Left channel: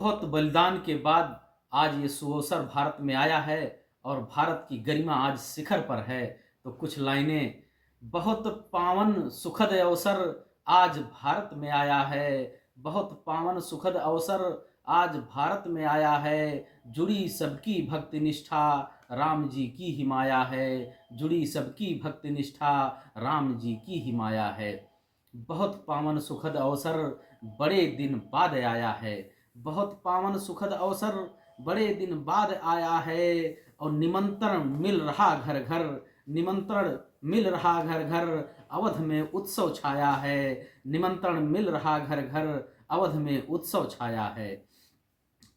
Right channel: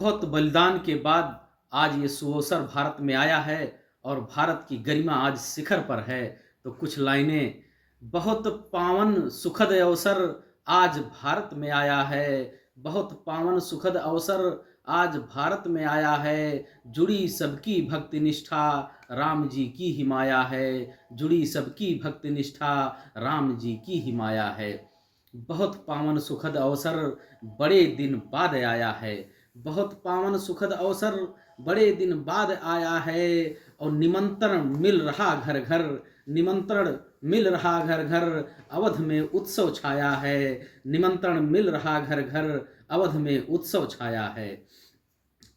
बहुत बलिदान के बाद आज ये सुअवसर भारत में आया है और भारत की गरिमा आज शिखर पर है। तो कुछ लाइनें, बहुत पावन सुखद अवसर आज भारत में आया है। बहुत पावन सुखद अवसर आज भारत में आया है। जुड़ी सबकी भक्ति निष्ठा, राम जी की ही माया है। जुड़ी सबकी भक्ति निष्ठा, राम जी की ही माया है। बहुत पावन सुखद अवसर बड़े दिन बाद आया है। बहुत पावन सुखद अवसर बड़े दिन बाद आया है। और निमंत्रण मिल रहा घर घर, निमंत्रण मिल रहा घर घर, अवध में उत्सव छाया है। निमंत्रण मिल रहा घर घर, अवध में उत्सव छाया है।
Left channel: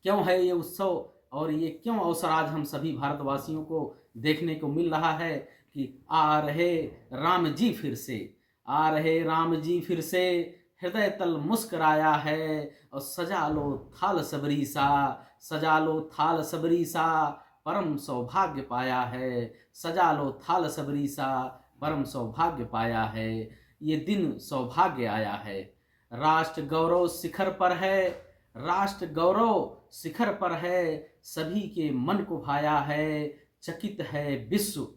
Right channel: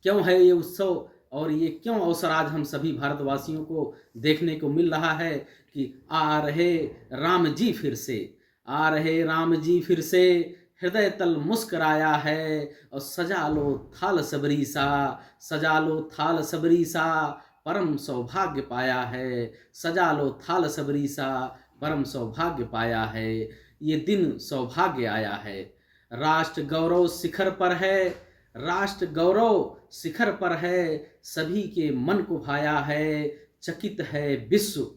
क्यों है ये उत्सव और ये क्यों अवसर आज हम सभी भारतवासियों को देखने को मिल रहा है कि आ रहे राम जी फिर से, आ रहे राम जी फिर से, हृदय तल मुस्कराया है। और सजा लो थाल सबरी सा, सजा लो थाल सबरी सा, परम सौभाग्य पाया है। सजा लो थाल सबरी सा, परम सौभाग्य पाया है। ये दिन सौभाग्य आया है। राष्ट्र गौरव शिखर पर है, राष्ट्र गौरव शिखर पर है। सभी के मन को भाया है। चकित है विश्व,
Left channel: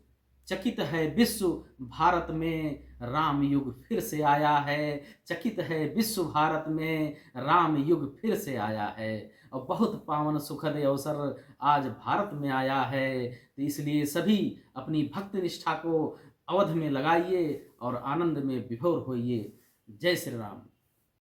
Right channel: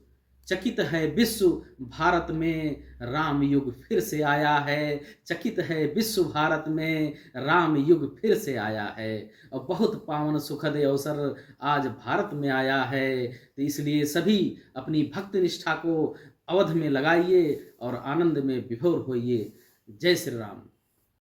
चकित है विश्व, भारत में राम युग फिर से आया है। चकित है विश्व, भारत में राम युग फिर से आया है। और बहुत पावन सुखद अवसर आज भारत में आया है। तो इसलिए सभी अपनी भक्ति निष्ठा को अवध में लगाइए और आनंद में विभोर होइए। जय श्री राम।